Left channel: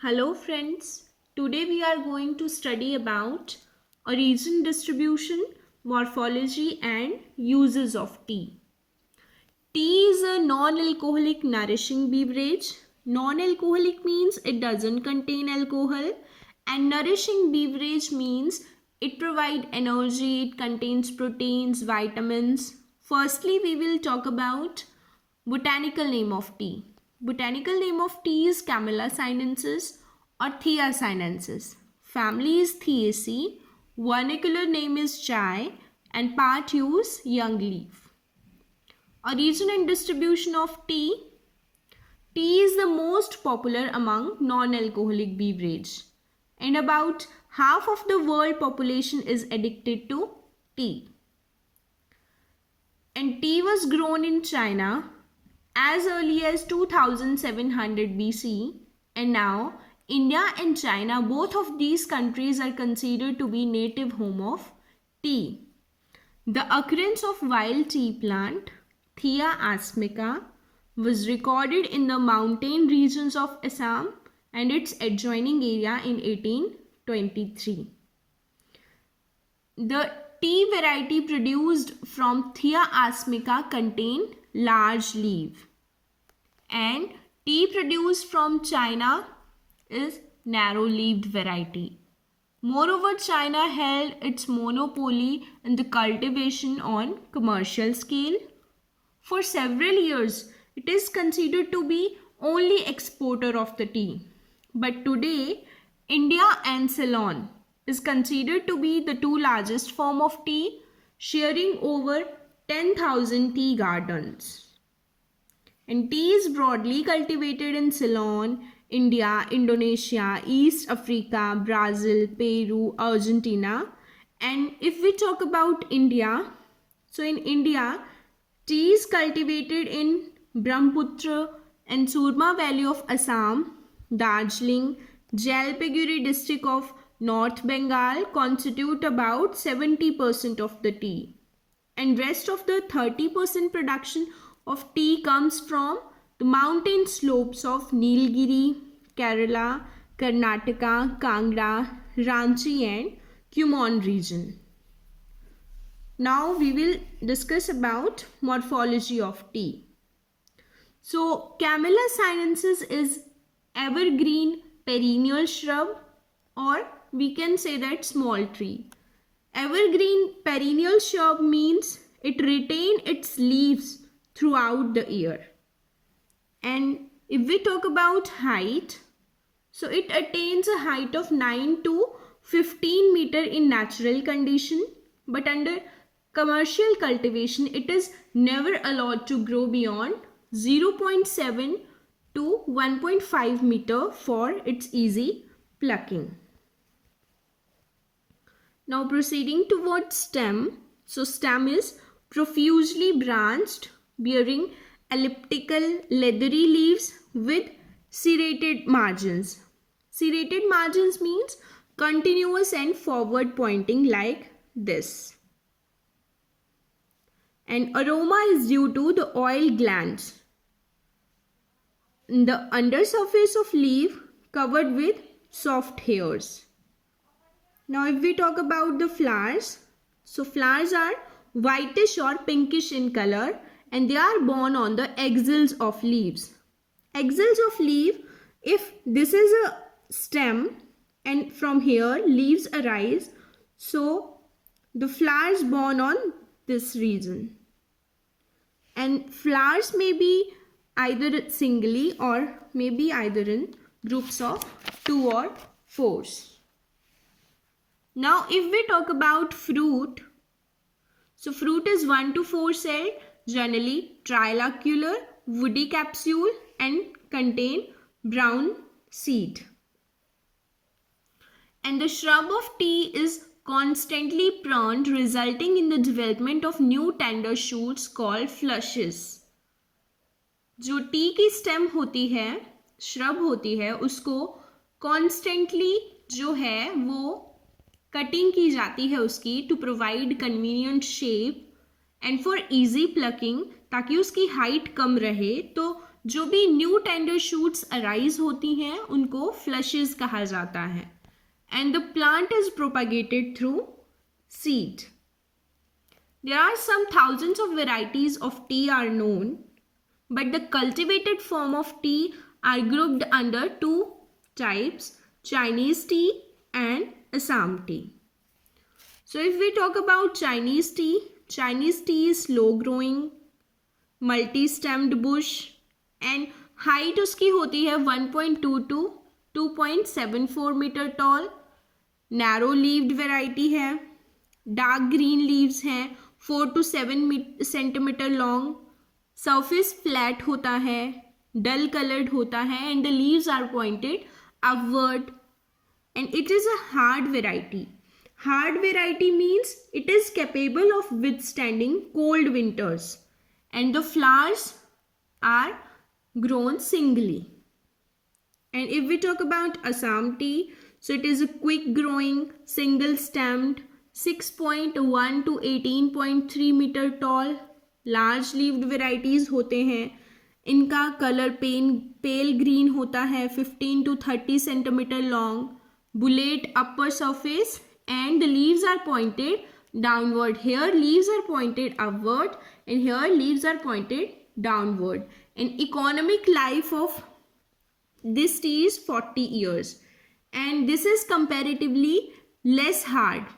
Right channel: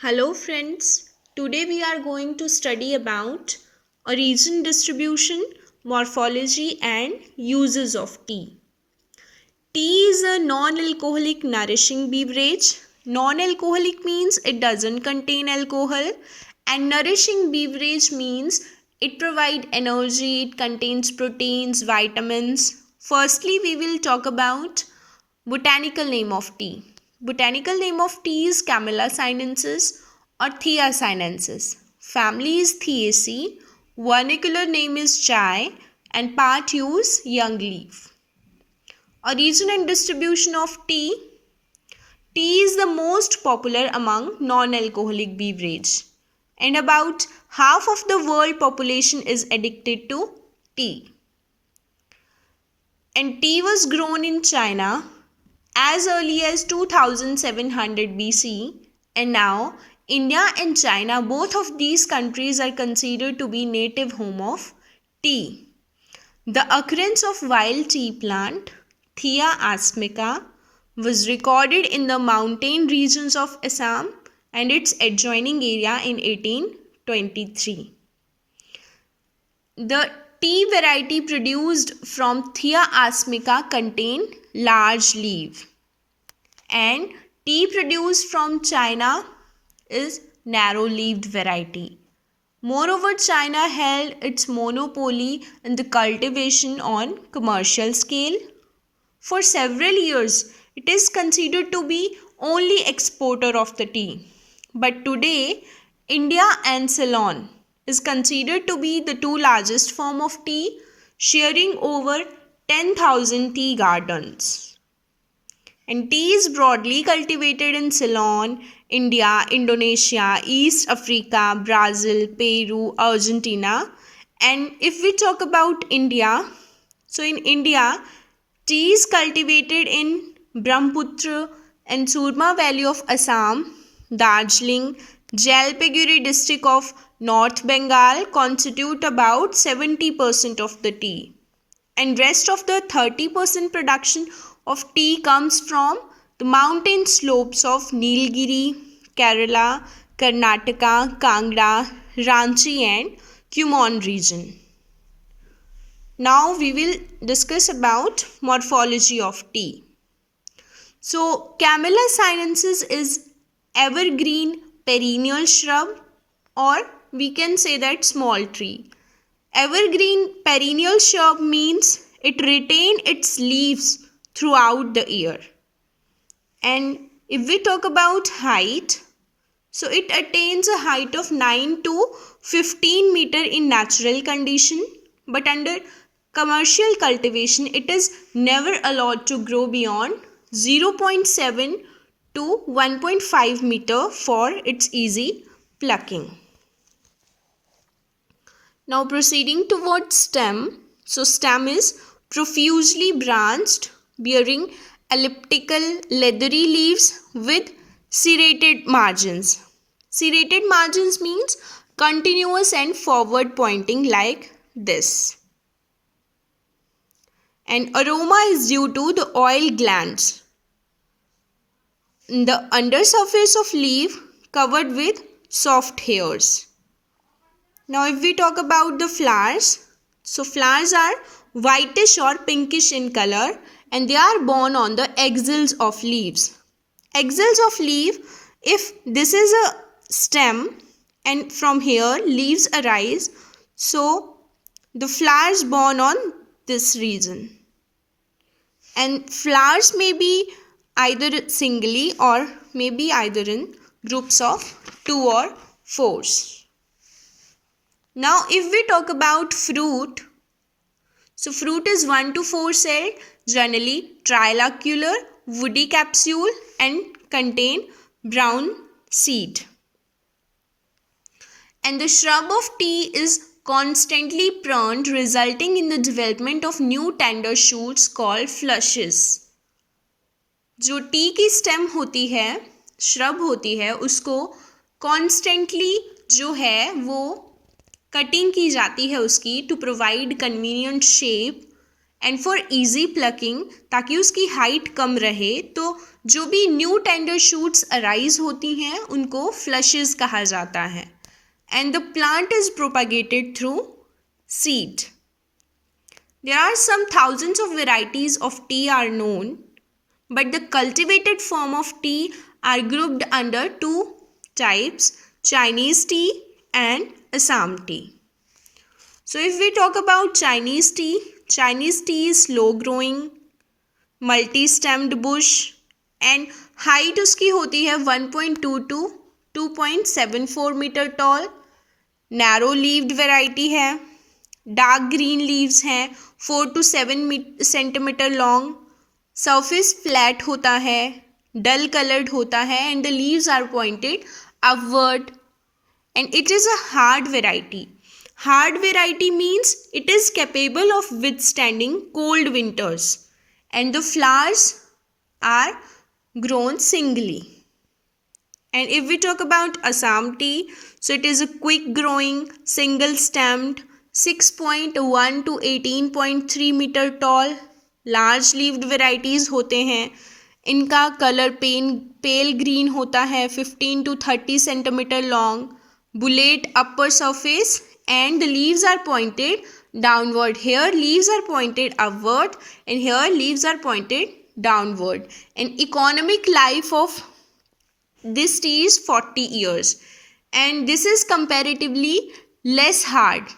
Hello friends, today we are going to study about origin distribution, morphology and uses of tea. Tea is a non-alcoholic nourishing beverage. Non-alcoholic means it doesn't contain alcohol and nourishing beverage means it provides energy, it contains proteins, vitamins. Firstly, we will talk about botanical name of tea. Botanical name of tea is Camellia sinensis or Thea sinensis. Family is Theaceae. Vernacular name is chai and part use young leaf. Origin and distribution of tea. Tea is the most popular among non-alcoholic beverage and about half of the world population is addicted to tea. And tea was grown in China as early as 2700 BC, and now India and China, both of these countries are considered to be native home of tea. The occurrence of wild tea plant Thea asmica was recorded in the mountain regions of Assam and its adjoining area in 1823. The tea variety produced from Thea asmica contain large leaf and tea produced from China is narrow-leaved variety. Moreover, China held its monopoly in the cultivation on commercial scale. For several years, it is considered to be only exporter of the tea. But today, India and Ceylon is considered to be the two largest form of tea, sharing over 10,000 tea gardens. And tea is broadly cultivated in Ceylon, India, Indonesia, East Africa, Brazil, Peru, Argentina. And if we talk about India, so in India, tea is cultivated in Brahmaputra and Surma Valley of Assam, Darjeeling, Jalpaiguri district of North Bengal constitute about 70% of the tea. And rest of the 30% production of tea comes from the mountain slopes of Nilgiri, Kerala, Karnataka, Kangra, Ranchi and Kumaon region. Now we will discuss about morphology of tea. So Camellia sinensis is evergreen perennial shrub or we can say that small tree. Evergreen perennial shrub means it retains its leaves throughout the year. And if we talk about height, so it attains a height of 9 to 15 meter in natural condition, but under commercial cultivation it is never allowed to grow beyond 0.7 to 1.5 meter for its easy plucking. Now proceeding towards stem. So stem is profusely branched, bearing elliptical leathery leaves with serrated margins. Serrated margins means continuous and forward pointing like this. And aroma is due to the oil glands. The undersurface of leaf covered with soft hairs. Now if we talk about the flowers, so flowers are whitish or pinkish in color and they are borne on the axils of leaves. Axils of leaf, if this is a stem and from here leaves arise, so the flowers borne on this region. And flowers may be either singly or maybe either in groups of 2 or 4s. Now if we talk about fruit, so fruit is 1 to 4 celled, generally trilocular, woody capsule and contain brown seed. And the shrub of tea is constantly pruned, resulting in the development of new tender shoots called flushes. जो T की stem होती है, shrub होती है, उसको constantly जो है वो कटिंग की जाती है उसकी to provide convenient shape and for easy plucking, ताकि उसकी हाइट कम रहे, तो जो भी न्यू टेंडर शूट्स अराइज होती हैं उनको फ्लशेस कहा जाता है. And the plant is propagated through seed. There are some thousands of varieties of tea are known, but the cultivated form of tea are grouped under two types, Chinese tea and Assam tea. So if we talk about Chinese tea is slow growing, multi-stemmed bush and height उसकी होती है 1.2 to 2.74 metre tall, narrow leaved variety है, dark green leaves हैं, 4 to 7 centimetre long, surface flat होता है, dull coloured होता है and the leaves are pointed upward and it is a hard variety. Hard variety means it is capable of withstanding cold winters and the flowers are grown singly. And if we talk about Assam tea, so it is a quick growing, single stemmed, 6.1 to 18.3 metre tall, large leaved varieties होते हैं. इनका colour पेल green होता है, 15 to 30 centimetre long, bullate upper surface and the leaves are pointed downward. Here leaves are pointed upward and here leaves are pointed downward. And economic life of this tea is 40 years, and this is comparatively less hard,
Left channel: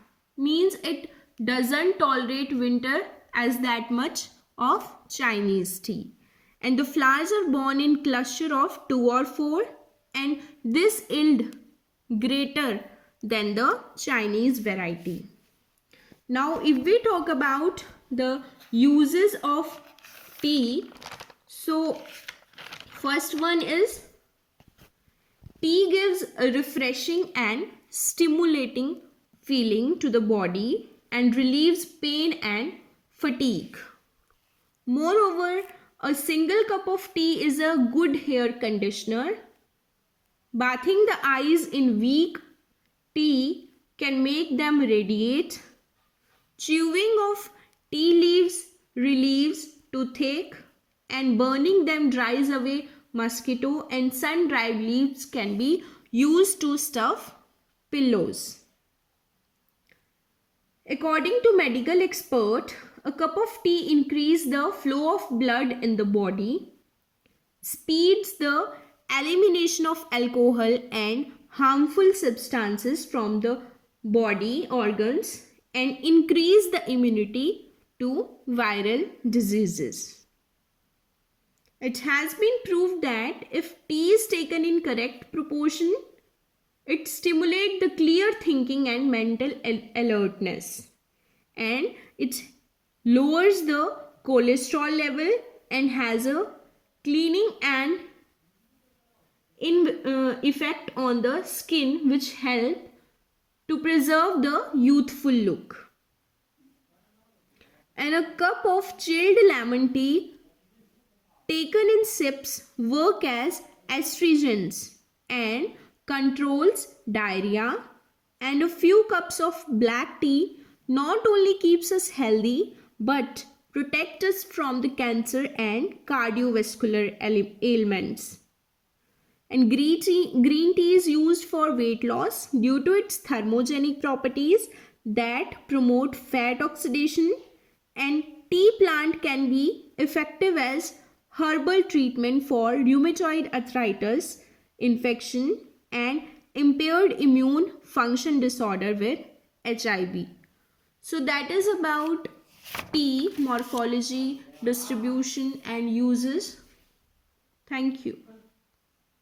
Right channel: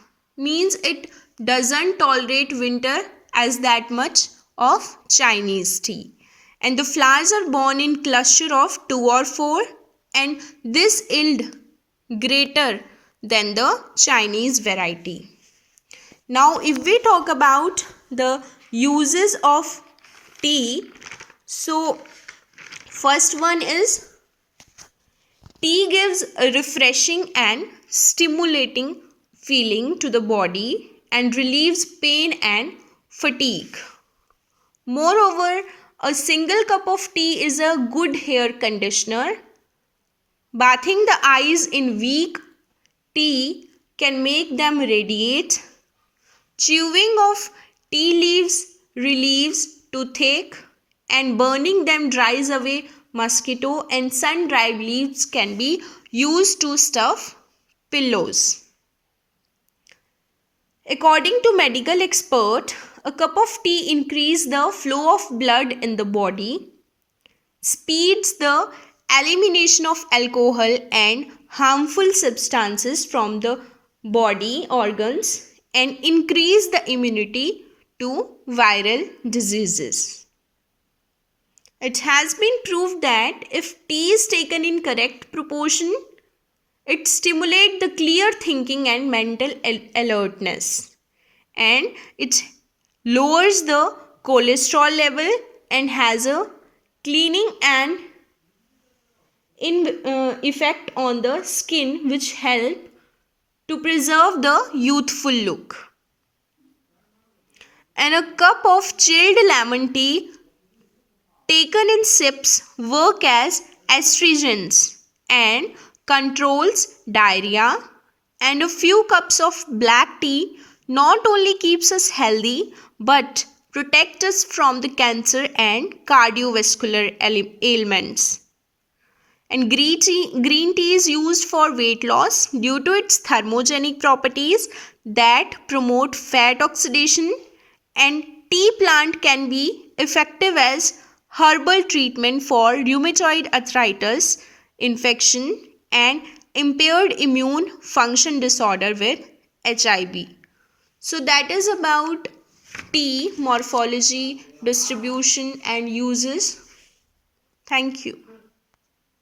means it doesn't tolerate winter as that much of Chinese tea. And the flowers are born in cluster of 2 or 4, and this yield greater than the Chinese variety. Now if we talk about the uses of tea, so first one is tea gives a refreshing and stimulating feeling to the body and relieves pain and fatigue. Moreover, a single cup of tea is a good hair conditioner. Bathing the eyes in weak tea can make them radiate. Chewing of tea leaves relieves toothache, and burning them dries away mosquito, and sun-dried leaves can be used to stuff pillows. According to medical expert, a cup of tea increases the flow of blood in the body, speeds the elimination of alcohol and harmful substances from the body organs, and increase the immunity to viral diseases. It has been proved that if tea is taken in correct proportion, it stimulates the clear thinking and mental alertness, and it lowers the cholesterol level and has a cleaning and effect on the skin, which help to preserve the youthful look. And a cup of chilled lemon tea taken in sips work as astringents and controls diarrhea. And a few cups of black tea not only keeps us healthy but protect us from the cancer and cardiovascular ailments. And green tea is used for weight loss due to its thermogenic properties that promote fat oxidation. And tea plant can be effective as herbal treatment for rheumatoid arthritis, infection, and impaired immune function disorder with HIV. So that is about tea, morphology, distribution, and uses. Thank you.